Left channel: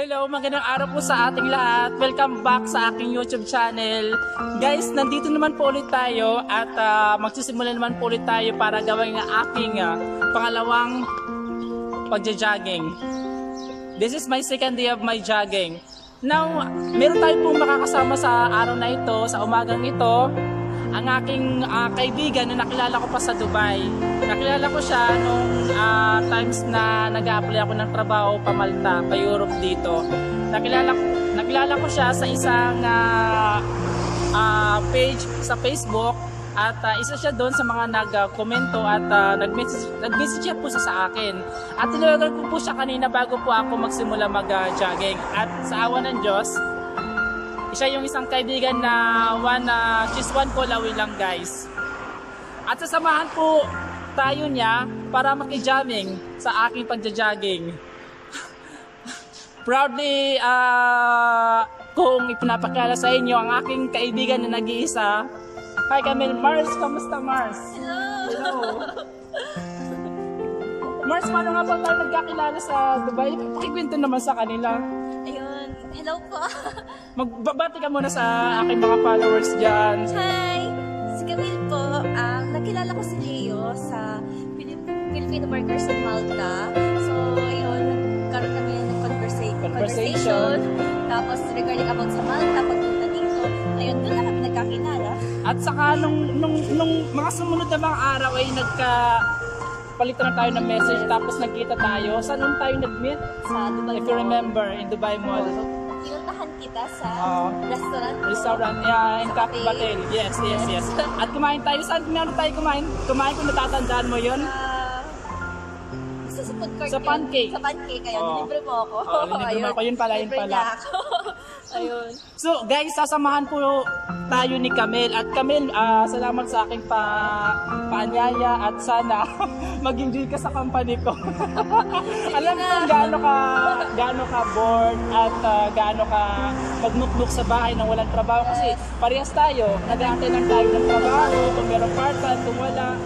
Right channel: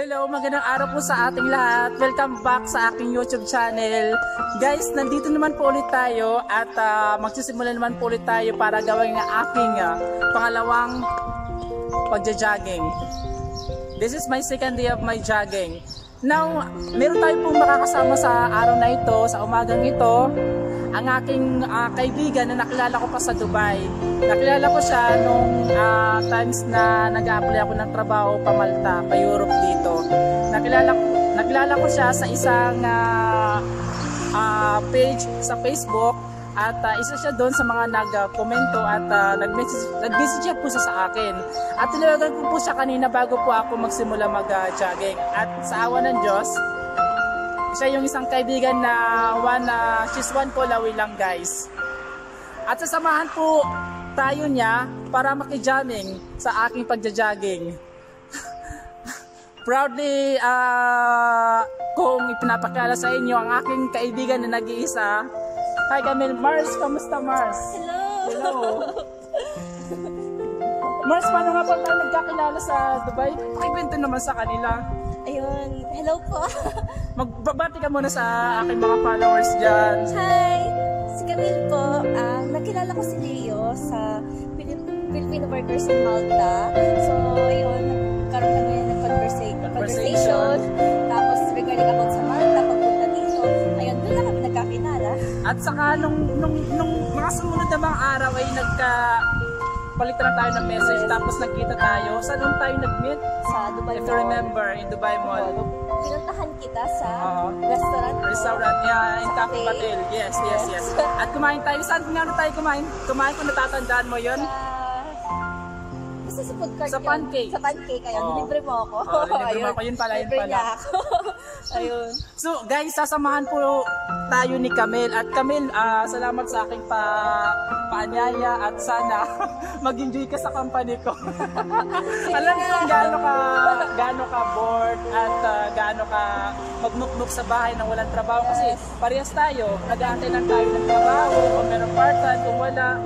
Hello, magandang araw po sa ating lahat. Welcome back sa aking YouTube channel. Guys, nandito naman po ulit tayo at magsisimula naman po ulit tayo para gawin ang aking pangalawang pagja-jogging. This is my second day of my jogging. Now, meron tayo pong makakasama sa araw na ito, sa umagang ito, ang aking kaibigan na nakilala ko pa sa Dubai. Nakilala ko siya nung times na nag-a-apply ako ng trabaho pa Malta, pa Europe dito. Nakilala ko siya sa isang page sa Facebook at isa siya doon sa mga nag-komento at nag-message siya po sa akin. At tinawagan ko po siya kanina bago po ako magsimula mag-jogging. At sa awa ng Diyos, siya yung isang kaibigan na she's one call away lang, guys. At sasamahan po tayo niya para makijamming sa aking pagja-jogging. Proudly kung ipinapakilala sa inyo ang aking kaibigan na nag-iisa. Hi Camille. Mars, kamusta Mars? Hello! Hello! Mars, paano nga pala tayo nagkakilala sa Dubai? Pakikwento naman sa kanila. Ayun, hello po. Magbabati ka muna sa aking mga followers dyan. Hi! Si Camille po. Nakilala ko si Leo sa Filipino Workers in Malta. So, ayun, nagkaroon kami ng conversation. Tapos, regarding about sa Malta, pagpunta dito, ayun, doon na kami nagkakilala. At saka, nung mga sumunod na mga araw ay palitan na tayo ng message, tapos nagkita tayo. Saan tayo nag-meet? Sa Dubai If you remember, in Dubai Mall. Pinuntahan kita sa restaurant In Cafe Batel. Yes. At kumain tayo. Saan tayo kumain? Kumain kung natatandaan mo yun? Basta sa food court sa pancake. Sa pancake, ayun. Nilibre mo ako. Nilibre mo ako. Yun pala. Ayun. So guys, sasamahan po tayo ni Camille. At Camille, salamat sa aking paanyaya at sana mag-enjoy ka sa company ko. Alam ko kung gaano ka bored at gaano ka magnuknuk sa bahay nang walang trabaho. Kasi parehas tayo, nag-aantay lang tayo ng trabaho, kung meron part-time, kung wala.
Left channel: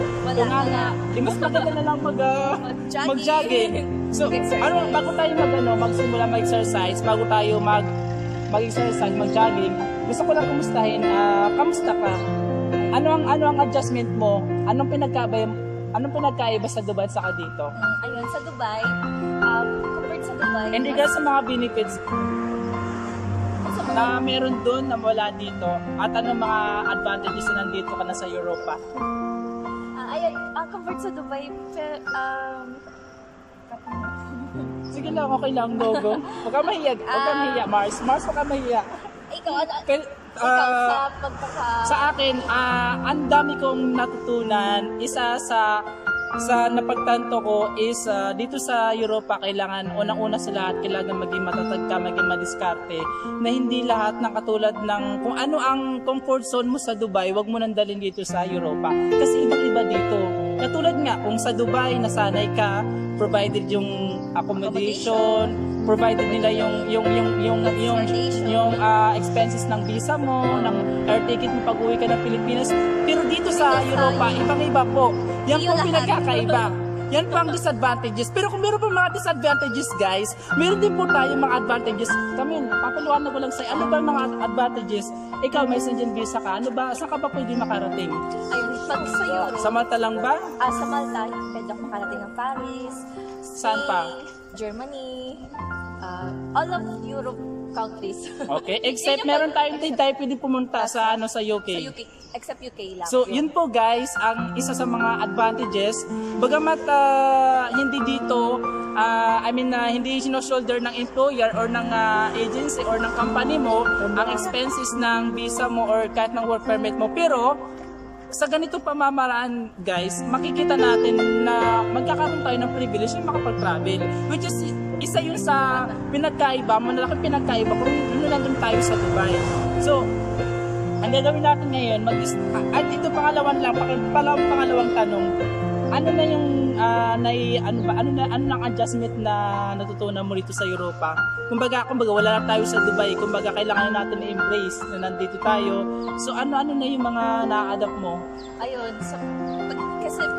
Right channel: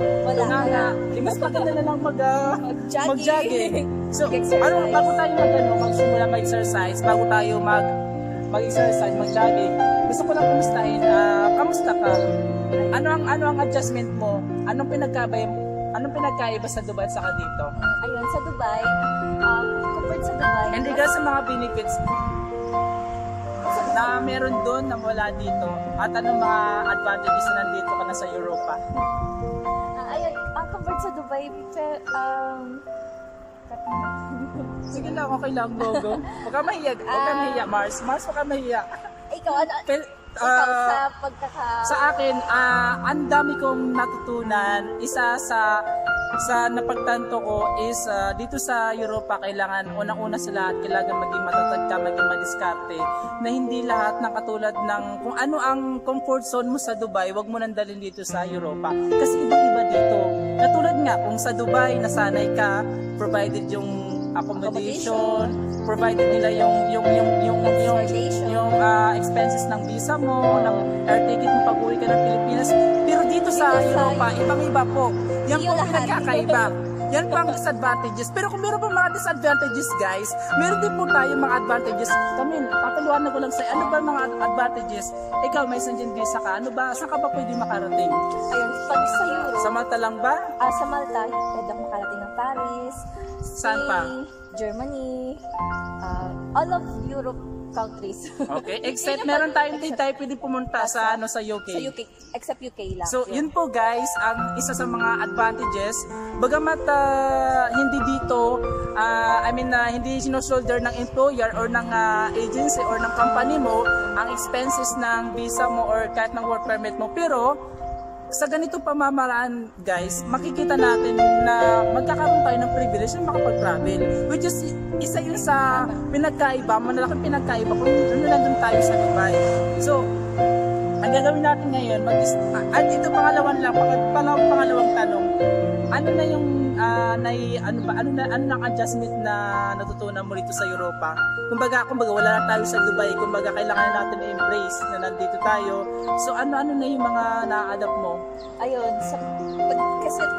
Mas maganda na lang mag-jogging. So, bago tayo magsimula mag-exercise, bago tayo mag-exercise, mag-jogging, gusto ko lang kumustahin, kamusta ka? Ano ang adjustment mo? Anong pinagkaiba sa Dubai at saka dito? Ayun, sa Dubai, compared sa Dubai, and regards sa mga benefits na meron doon na wala dito, at anong mga advantages na nandito ka na sa Europa? Ayun, compared sa Dubai, sige lang, okay lang, go. Huwag ka mahiya, Mars, huwag ka mahiya. Ikaw, sa pagkaka... Sa akin, ang dami kong natutunan. Isa sa napagtanto ko is dito sa Europa, kailangan unang-una sa lahat, kailangan maging matatag ka, maging madiskarte, na hindi lahat ng katulad ng kung ano ang comfort zone mo sa Dubai, wag mo nang dalhin dito sa Europa. Kasi ibang-iba dito. Katulad nga, kung sa Dubai, nasanay ka, provided yung accommodation, provided nila yung expenses ng visa mo, ng air ticket mo pag uwi ka ng Pilipinas. Pero dito sa Europa, ibang-iba po. Yan po pinagkakaiba. Yan po ang disadvantages. Pero kung meron po mga disadvantages, guys, meron din po tayong mga advantages. Camille, papaliwanag ko lang sa'yo, ano ba mga advantages? Ikaw, may Schengen visa ka. Ano ba? Saan ka ba pwede makarating? Ayun, pag sa Europe. Sa Malta lang ba? Sa Malta, pwede ako makarating ng Paris, saan pa? Germany, all of Europe countries. Okay, except meron tayong hindi tayo pwede pumunta sa UK. Sa UK, except UK lang. So, yun po guys, ang isa sa mga advantages. Bagamat hindi dito, hindi sino-shoulder ng employer or ng agency or ng company mo ang expenses ng visa mo or kahit ng work permit mo. Pero, sa ganito pamamaraan guys, makikita natin na magkakaroon tayo ng privilege na makapag-travel, which is isa yun sa pinagkaiba, malaking pinagkaiba kung nandun tayo sa Dubai. So, ang gagawin natin ngayon, at ito pangalawang tanong, ano na yung ano nang adjustment na natutunan mo dito sa Europa? Kumbaga wala na tayo sa Dubai, kumbaga kailangan natin i-embrace na nandito tayo. So ano na yung mga na-adapt mo? Ayun,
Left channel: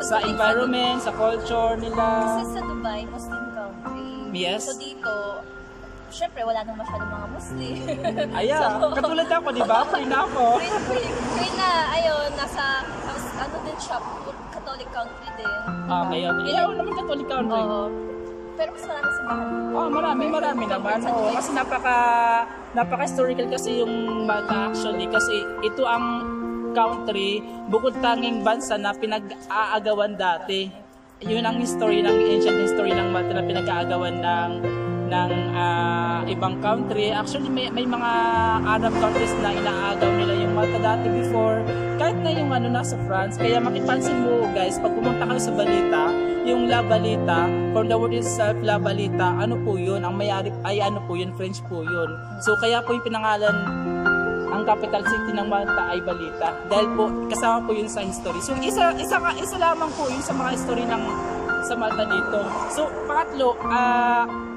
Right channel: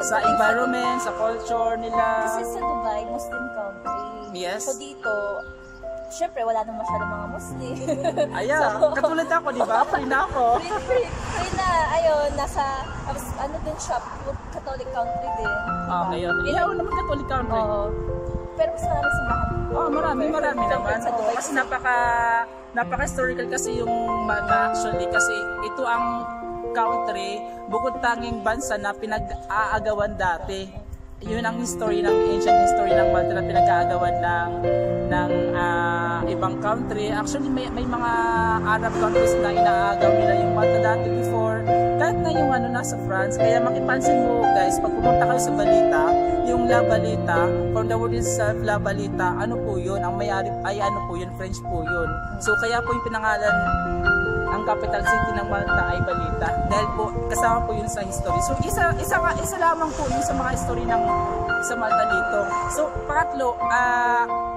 sa environment, sa culture nila. Kasi sa Dubai, Muslim country. Yes. So dito, syempre wala nang masyadong mga Muslim. Ayan, So, katulad ako, di ba? Free na ako. free na, ayun, tapos ano din siya, Catholic country din. Okay, okay. Yeah, naman Catholic country. Oo. Pero mas marami simbahan. Oh, marami naman. Oo, kasi napaka-historical kasi yung Malta actually. Kasi ito ang country, bukod tanging bansa na pinag-aagawan dati. Yun ang history ancient history ng Malta na pinag-aagawan ng ibang country. Actually may mga Arab countries na inaagaw nila yung Malta dati before, kahit na yung nasa France. Kaya makipansin mo guys, pag pumunta kayo sa Balita, yung La Balita, from the word itself, La Balita, ano po yun? Ang may-ari ay ano po yun, French po yun. So kaya po yung pinangalan, ang capital city ng Malta ay Balita, dahil po kasama po yun sa history. So isa lamang po yun sa mga history sa Malta dito. So pangatlo,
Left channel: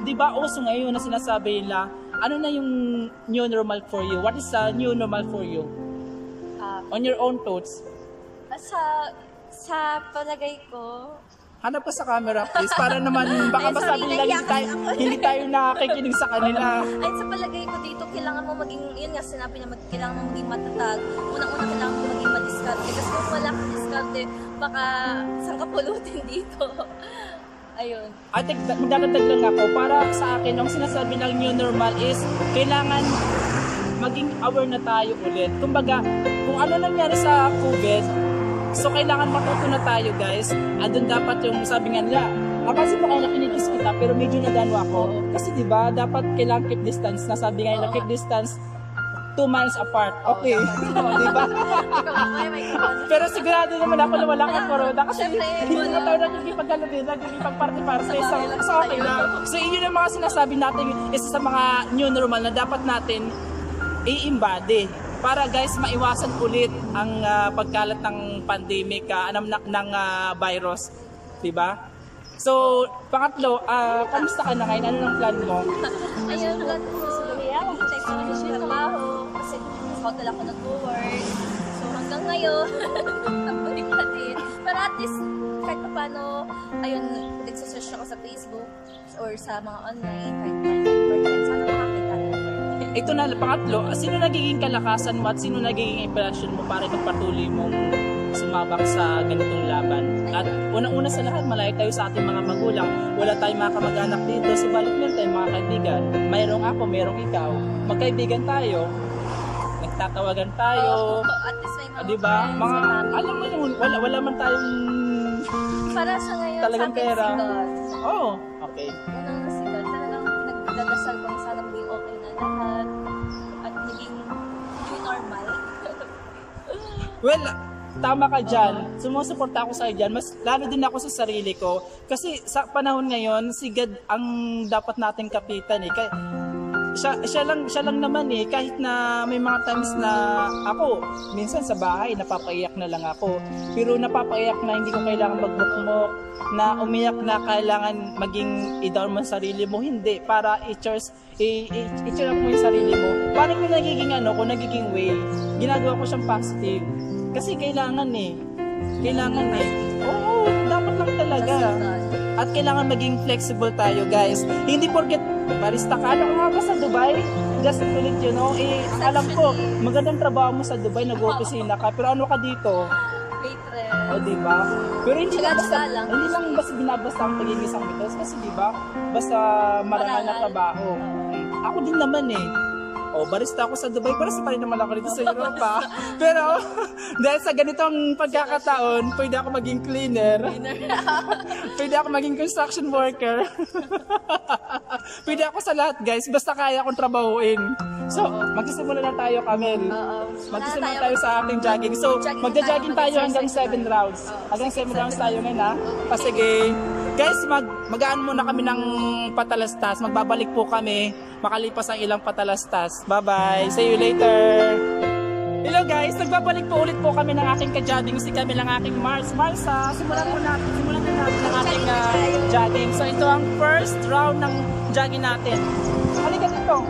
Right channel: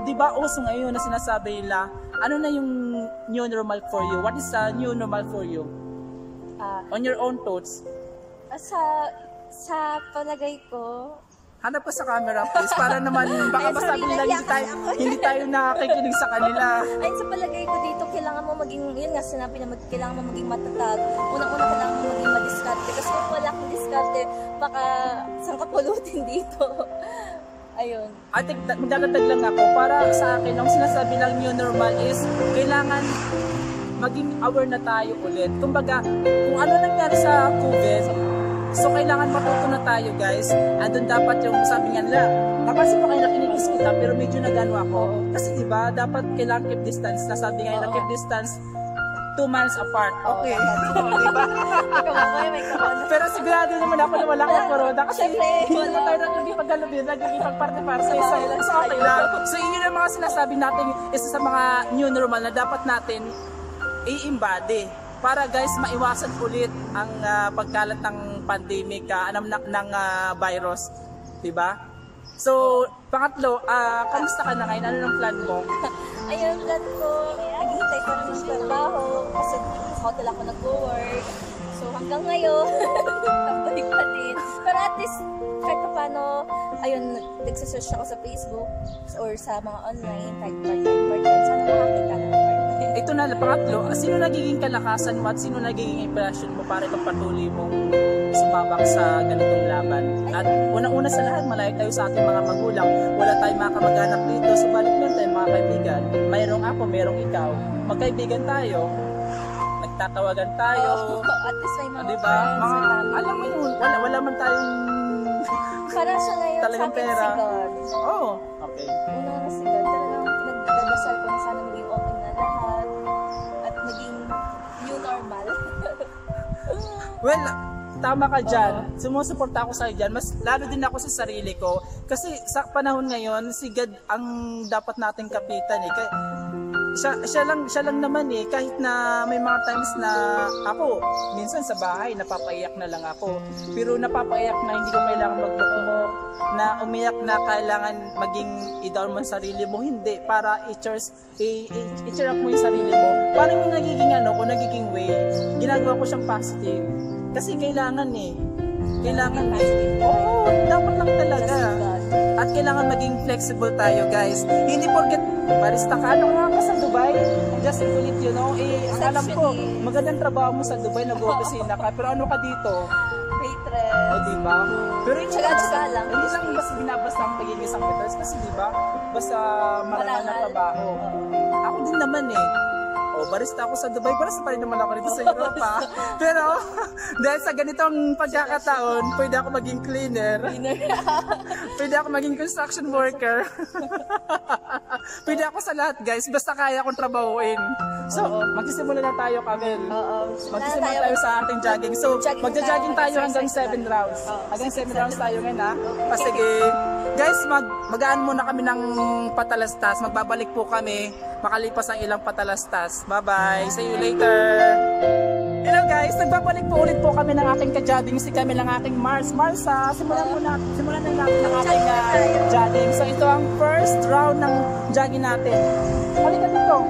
di ba uso ngayon na sinasabi nila, ano na yung new normal for you? What is new normal for you? On your own thoughts. Sa palagay ko, Hanap ka sa camera please, para naman baka masabi nila hindi tayo nakikinig sa kanila. ayun, sa palagay ko dito, kailangan mo maging, yun nga sinabi na kailangan mo maging matatag. Unang-una kailangan mo maging madiskarte. Kasi kung wala kang diskarte, baka saan ka pulutin dito. Ayun. I think magdadagdag lang ako, para sa akin, ang sinasabi ng new normal is kailangan maging aware na tayo ulit. Kumbaga, kung ano nangyari sa COVID, so kailangan matuto na tayo guys. Andun dapat yung sabi nga nila, napansin mo kayo na kinikis kita pero medyo nagano ako. Kasi diba, dapat kailangan keep distance. Nasabi nga nila keep distance 2 miles apart. Okay. Diba? Pero sigurado naman ako na wala kang corona kasi hindi naman tayo nagkikipaggalubin, nagkikipagparte-parte. So okay lang. So yun yung mga sinasabi natin, isa sa mga new normal na dapat natin i-embody para guys maiwasan ulit ang pagkalat ng pandemic ng virus, 'di ba? So, pangatlo, kamusta ka na ngayon? Ano ng plan mo? Ayun, plan ko, hihintay ko rin yung trabaho kasi sa hotel ako nag-work. So, hanggang ngayon, tambalik na din. Pero at least, kahit pa paano, ayun, nagsasearch ako sa Facebook or sa mga online, kahit part-time. Sana makakita na ng part-time. Ito na, pangatlo, sino nagiging kalakasan mo at sino nagiging inspirasyon mo para ipagpatuloy mong sumabak sa ganitong laban? At unang-una sa lahat, malayo tayo sa ating mga magulang. Wala tayong mga kamag-anak dito, subalit meron tayong mga kaibigan. Mayroong ako, mayroong ikaw. Magkaibigan tayo. Nagtatawagan tayo. At least may mga diba? friends, Alam mo yun, wala man tayong para sa ngayon, talagang sa akin pera. si God. Oh, okay. Unang si God, talagang pinagdadasal ko na sana maging okay na lahat at maging new normal. Well, tama ka dyan. Sumusuporta ako sa'yo dyan. Mas lalo din ako sa sarili ko. Kasi sa panahon ngayon, si God ang dapat nating kapitan eh. Siya lang naman eh, kahit na may mga times na ako minsan sa bahay napapaiyak na lang ako, pero napapaiyak na hindi ko kailangan magbukmok, na umiyak na kailangan maging i-down mo sarili mo, hindi, para i-cheer up mo yung sarili mo. Parang yung nagiging way, ginagawa ko siyang positive kasi kailangan eh. Oo, dapat lang talaga. At kailangan maging flexible tayo guys. Hindi porket barista ka, ano nga ba sa Dubai? Just to let you know, ang alam ko, magandang trabaho mo sa Dubai, nag-opisina ka, pero ano ka dito? Waitress. O diba? Pero hindi Tsaga-tsaga lang basta binabasta ang pagiging isang waitress kasi diba? Basta marangal na trabaho. Ako din naman eh. Barista ako sa Dubai, barista pa rin naman ako dito sa Europa. Pero dahil sa ganitong pagkakataon, pwede ako maging cleaner. Pwede ako maging construction worker. Pwede ako sa lahat guys, basta kaya akong trabahuin. So, magsisimula na tayo, Camel. Magsisimula tayo sa ating jogging. So, magja-jogging tayo hanggang 7 rounds. Hanggang 7 rounds tayo ngayon ha. Sige. Guys, magaan muna kami ng patalastas. Magbabalik po kami makalipas ang ilang patalastas. Bye-bye. See you later. Hello guys, nagbabalik po ulit po kami ng aking ka-jogging. Si Camel ang aking Mars. Simulan na natin ang ating jogging. So ito ang first round ng jogging natin. Halika dito.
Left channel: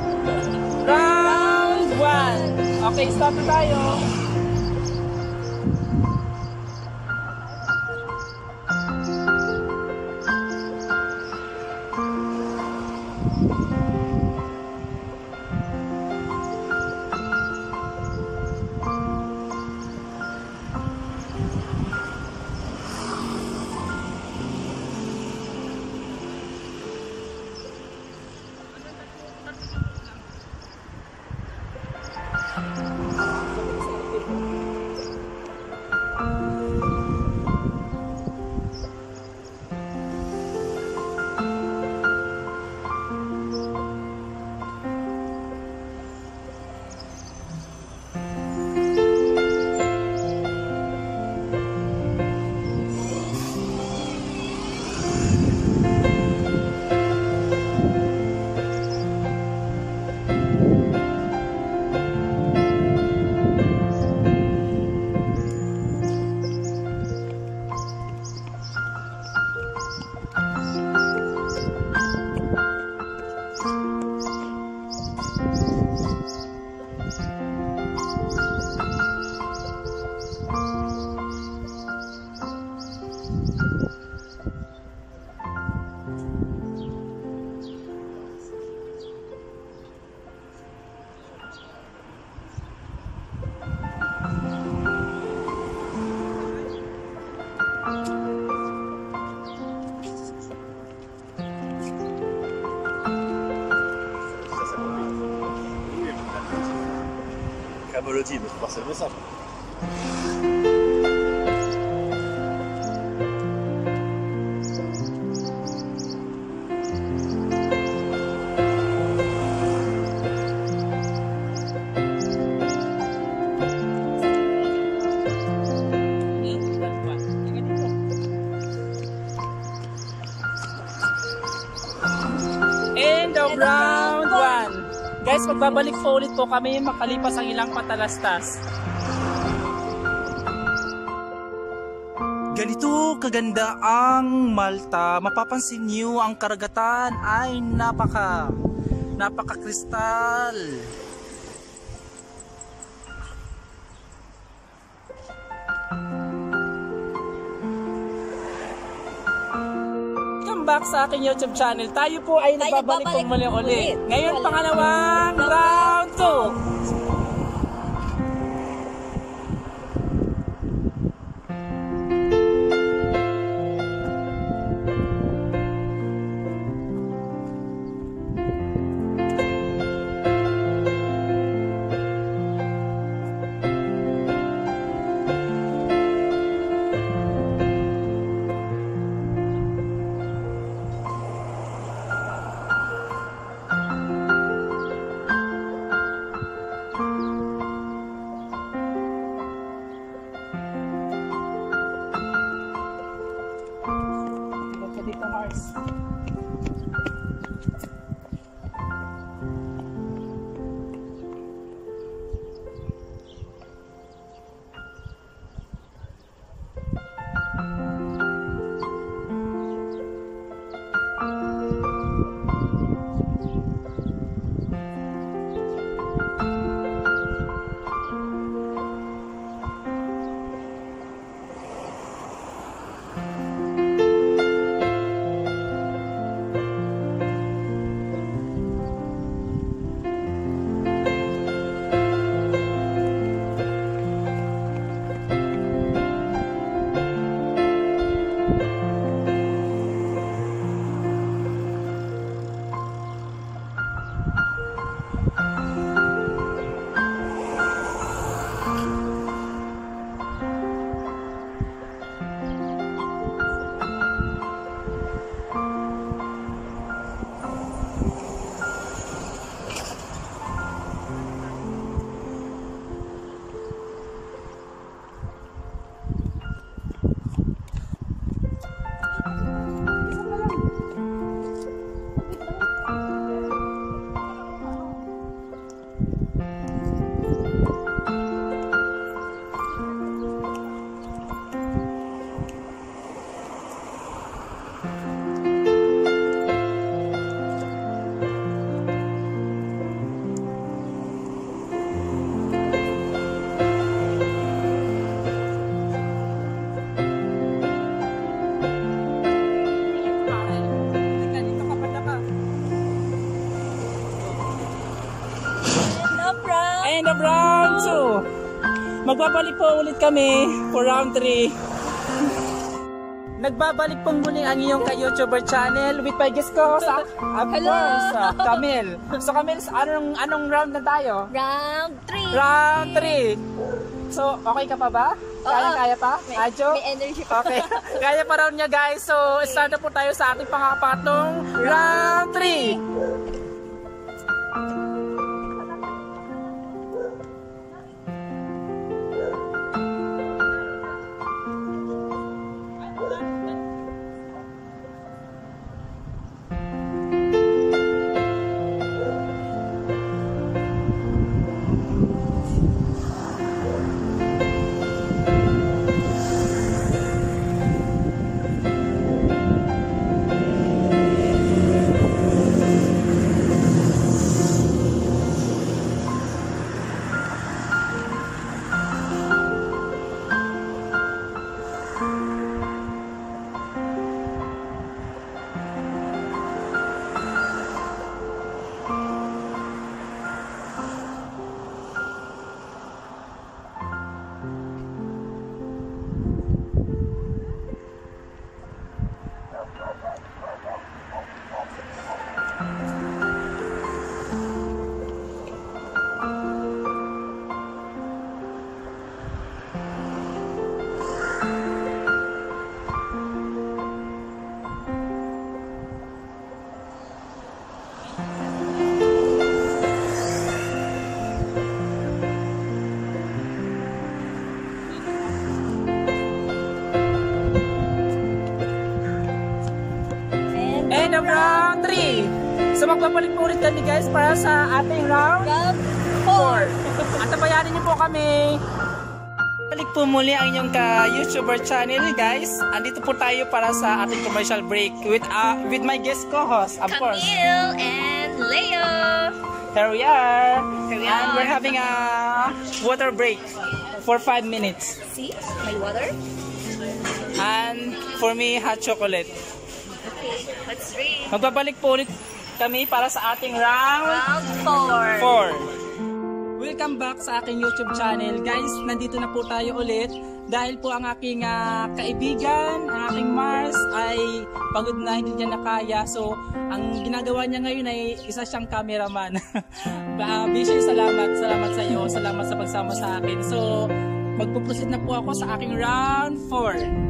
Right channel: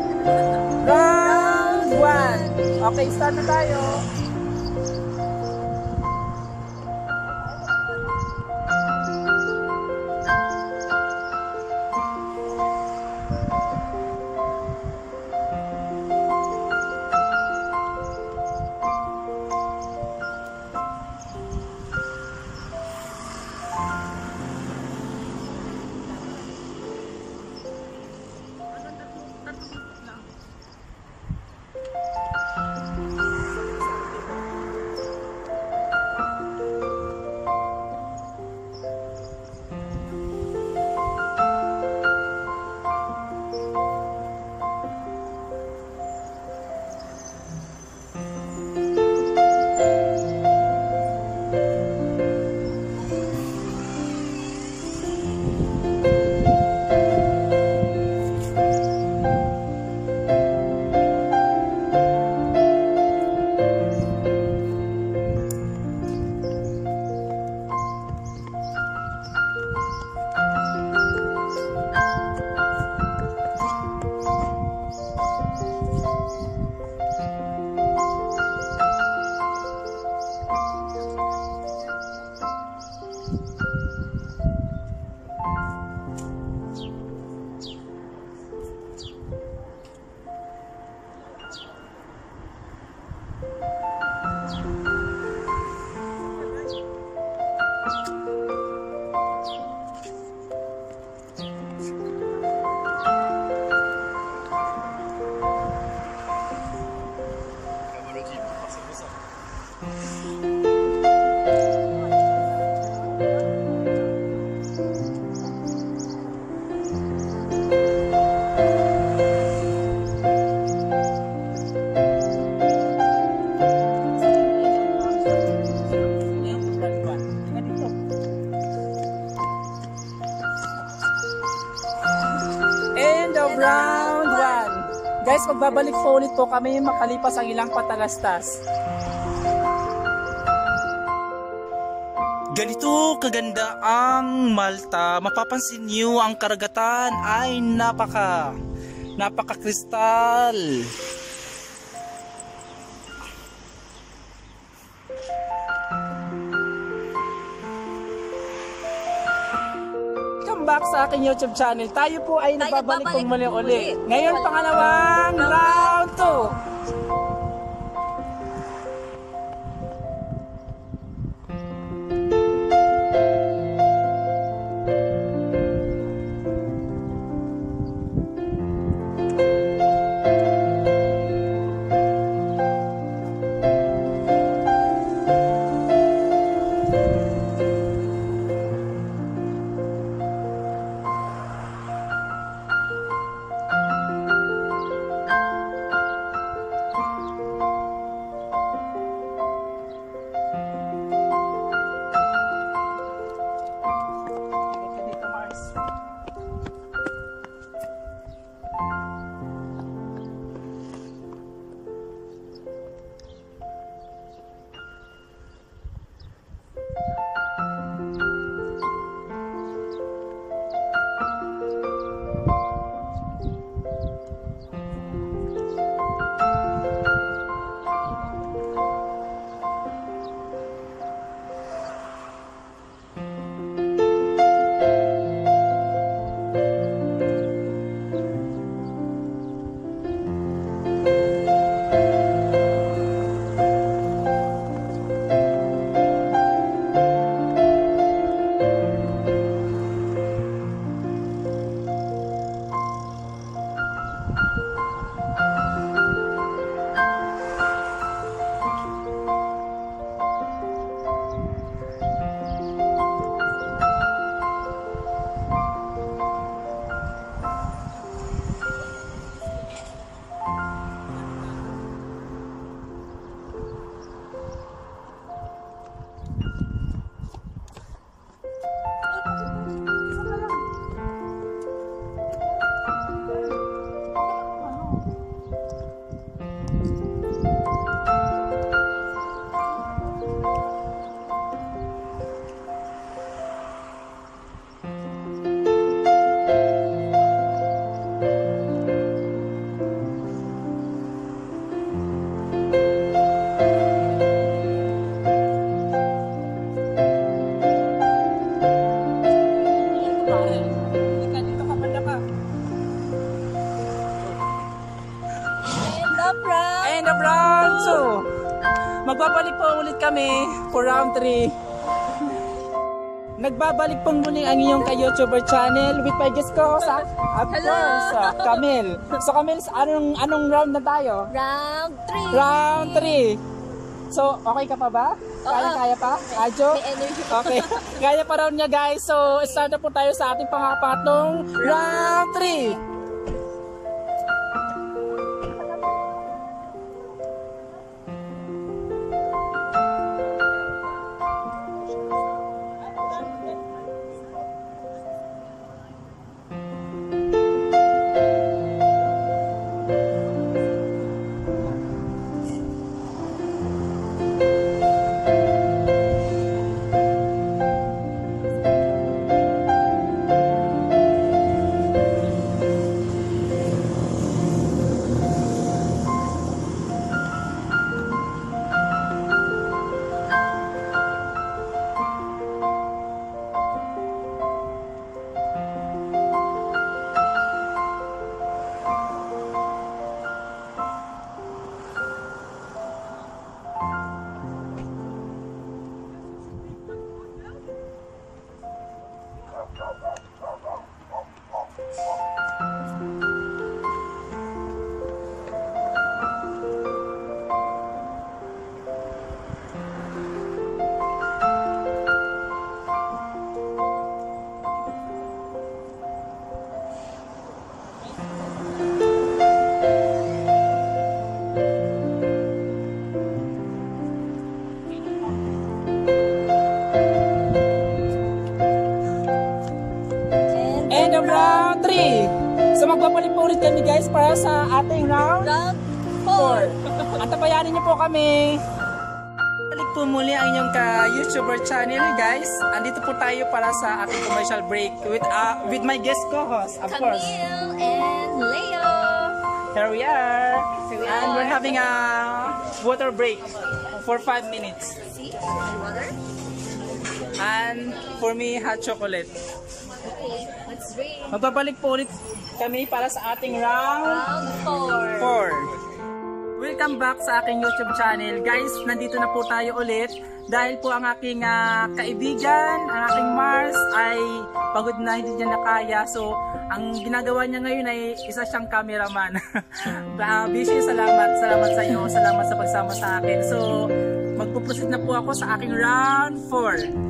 Round 1. Okay, start na tayo. l'as dit, mais personne ne sait. End of round 1. Guys, magbabalik po ulit po kami makalipas ang ilang patalastas. Ganito kaganda ang Malta. Mapapansin niyo ang karagatan ay napaka-kristal. Welcome back sa aking YouTube channel. Tayo po ay nagbabalik pong muli ulit. Ngayon pangalawang round 2. Dito, Mars. End of round 2. Magbabalik po ulit kami for round 3. Nagbabalik pong muli ang iyong ka-YouTuber channel with my guest ko sa Camille. So Camille, anong round na tayo? Round 3. Round 3. So okay ka pa ba? Kaya pa? Adjo? May energy pa. Okay. Kaya pa raw niya guys. So start na po tayo sa ating pangapatlong round 3. 3. So magbabalik po ulit kami guys para sa ating round 4. Antabayanin niyo po kami. Balik po muli ang inyong ka-YouTuber channel guys. Andito po tayo para sa ating commercial break with my guest co-host, of course. Camille and Leo. Here we are. And we're having a water break for 5 minutes. See? My water? And for me, hot chocolate. Okay, let's drink. Magbabalik po ulit kami para sa ating round 4. Welcome back sa aking YouTube channel. Guys, nandito na po tayo ulit dahil po ang aking kaibigan, ang aking Mars ay pagod na, hindi niya nakaya. So, ang ginagawa niya ngayon ay isa siyang cameraman. Bishi, salamat sa iyo. Salamat sa pagsama sa akin. So, magpuproceed na po ako sa aking round 4.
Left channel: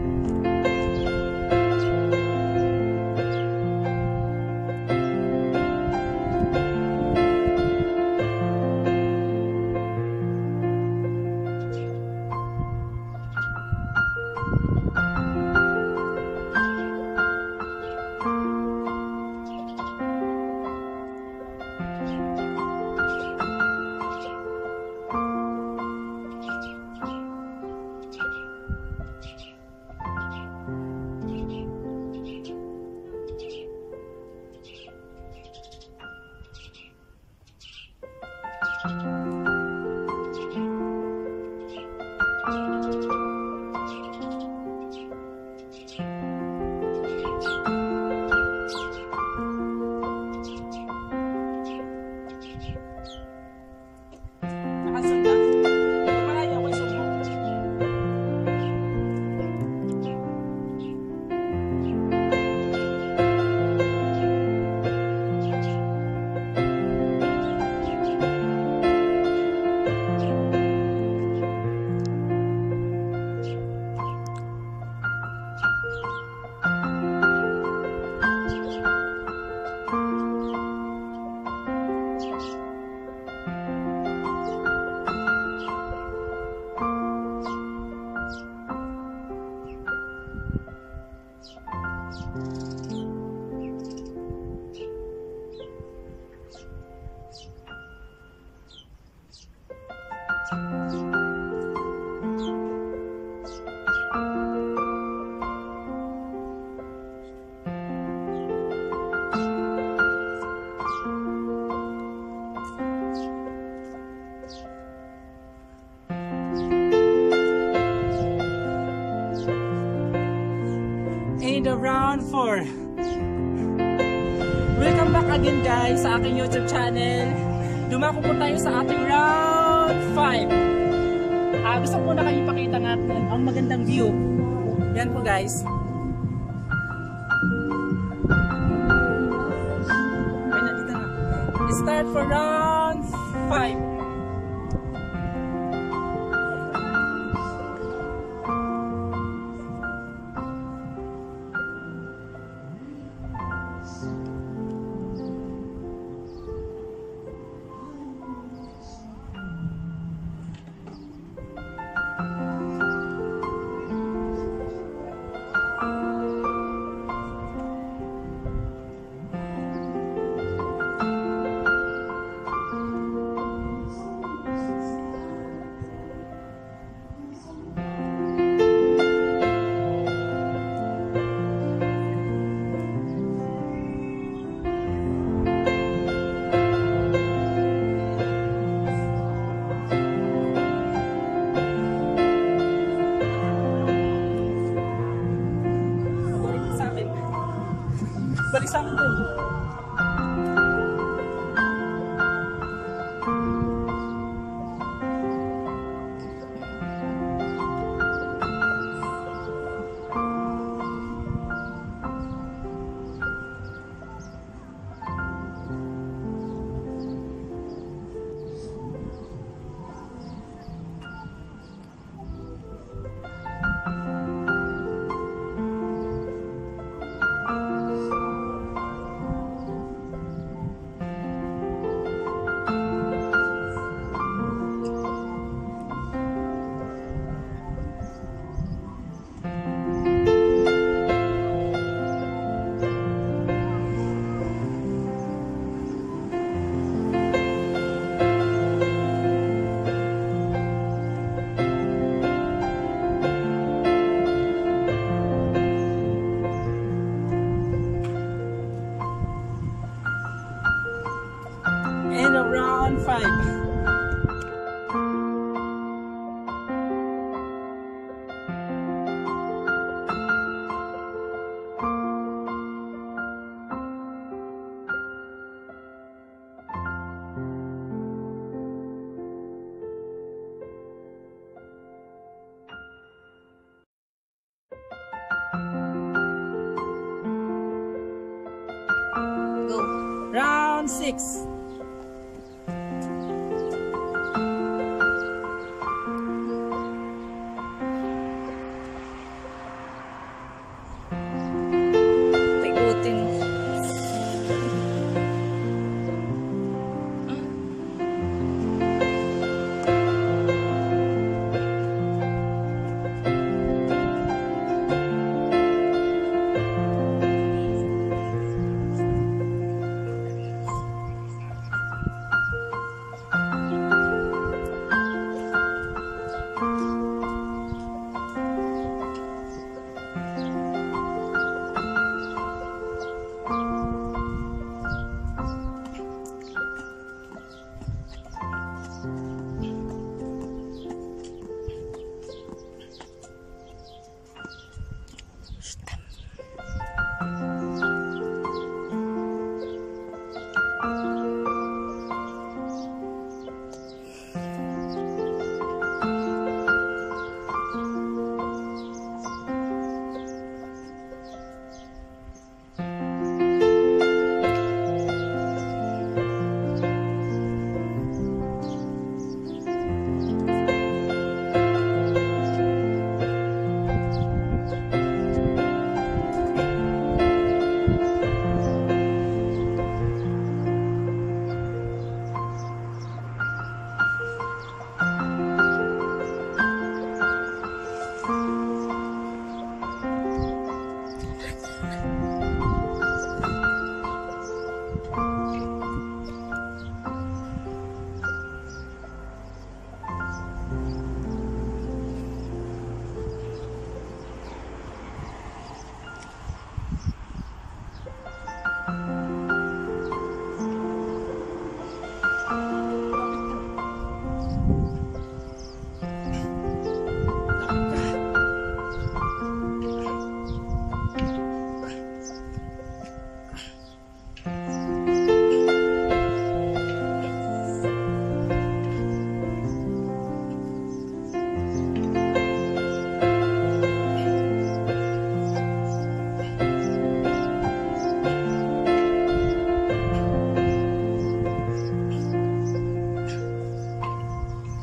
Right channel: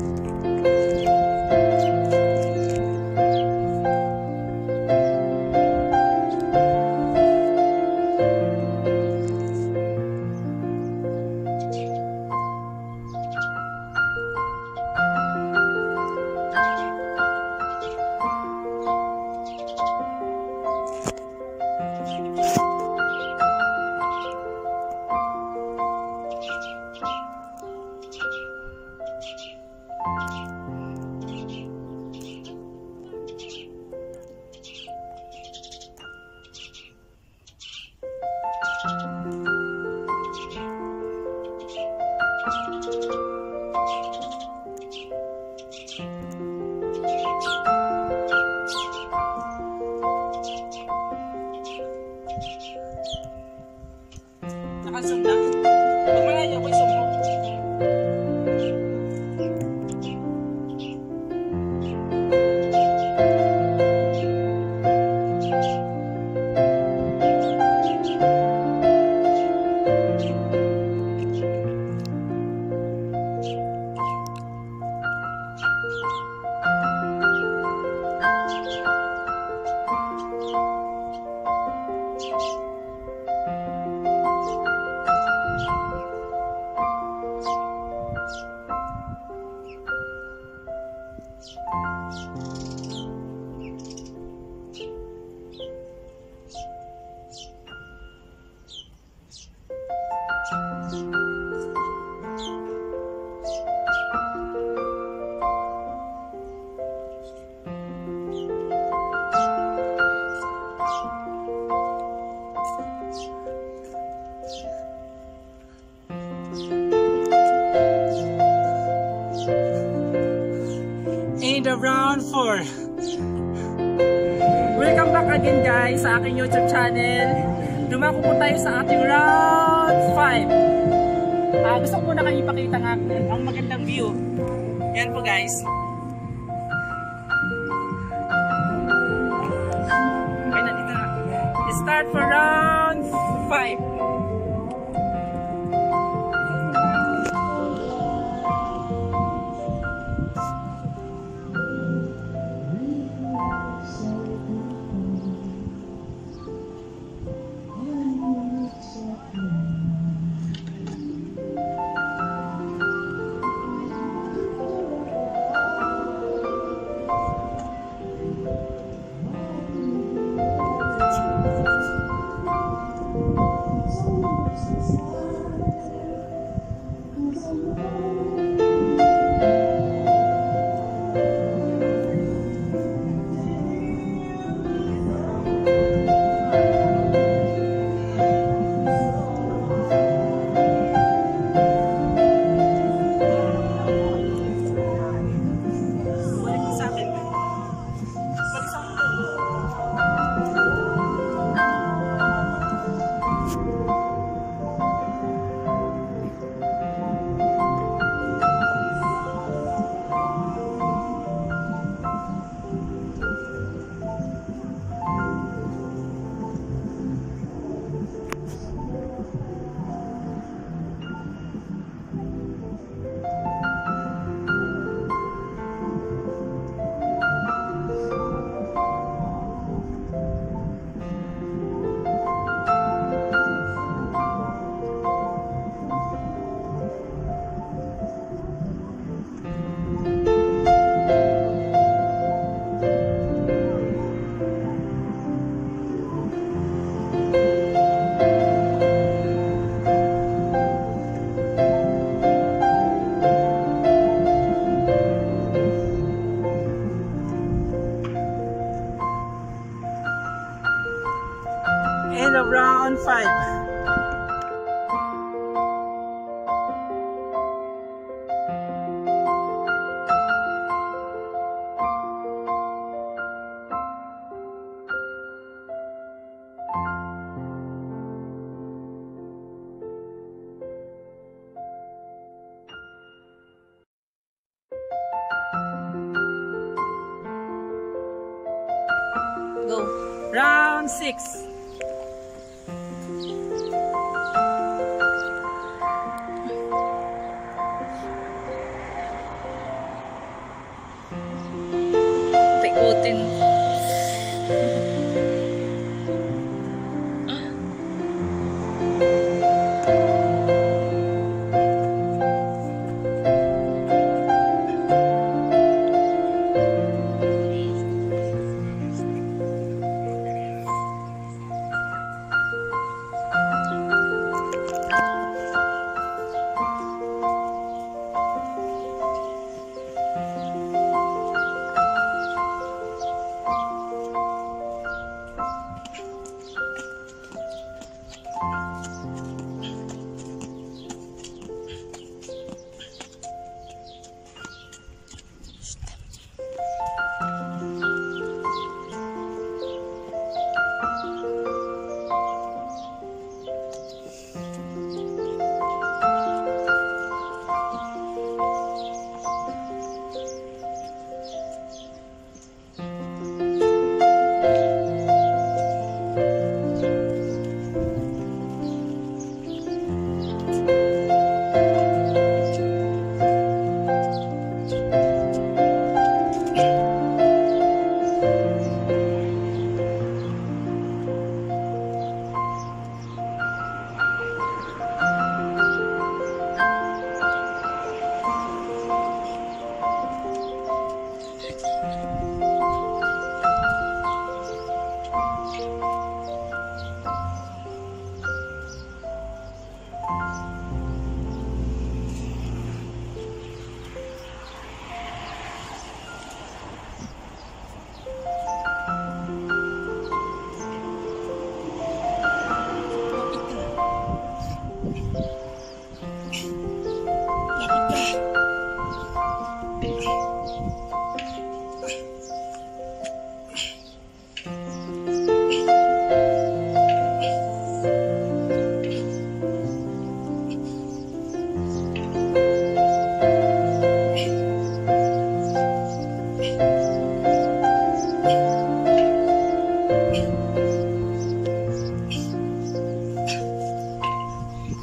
Nakasog na. Pag malayo ako isog mo. In the round 4. Welcome back again guys sa aking YouTube channel. Dumako po tayo sa ating round 5. Gusto ko muna kayo ipakita natin ang magandang view. Yan po guys. Okay na, dito na. Start for round 5. End of round 5. Go. Round 6. Paikutin.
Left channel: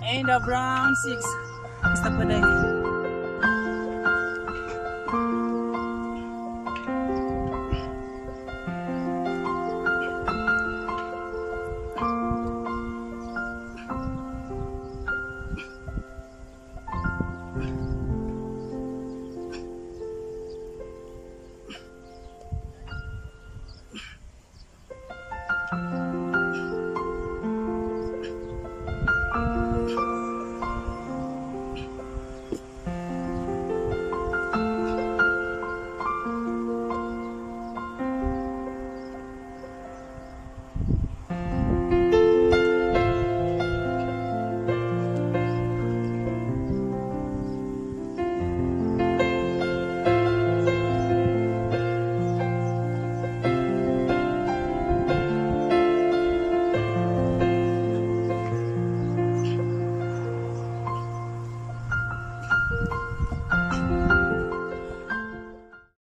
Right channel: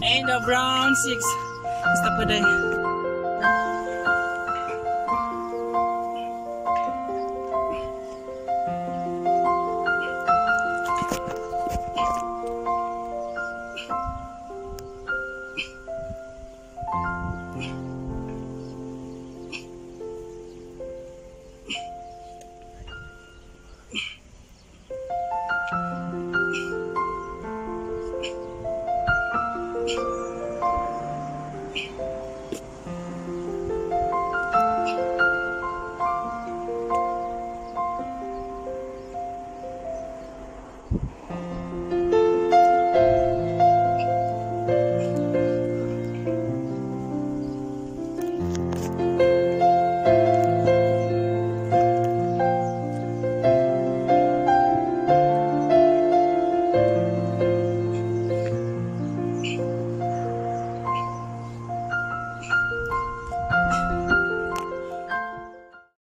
End of round 6. Stop pa day.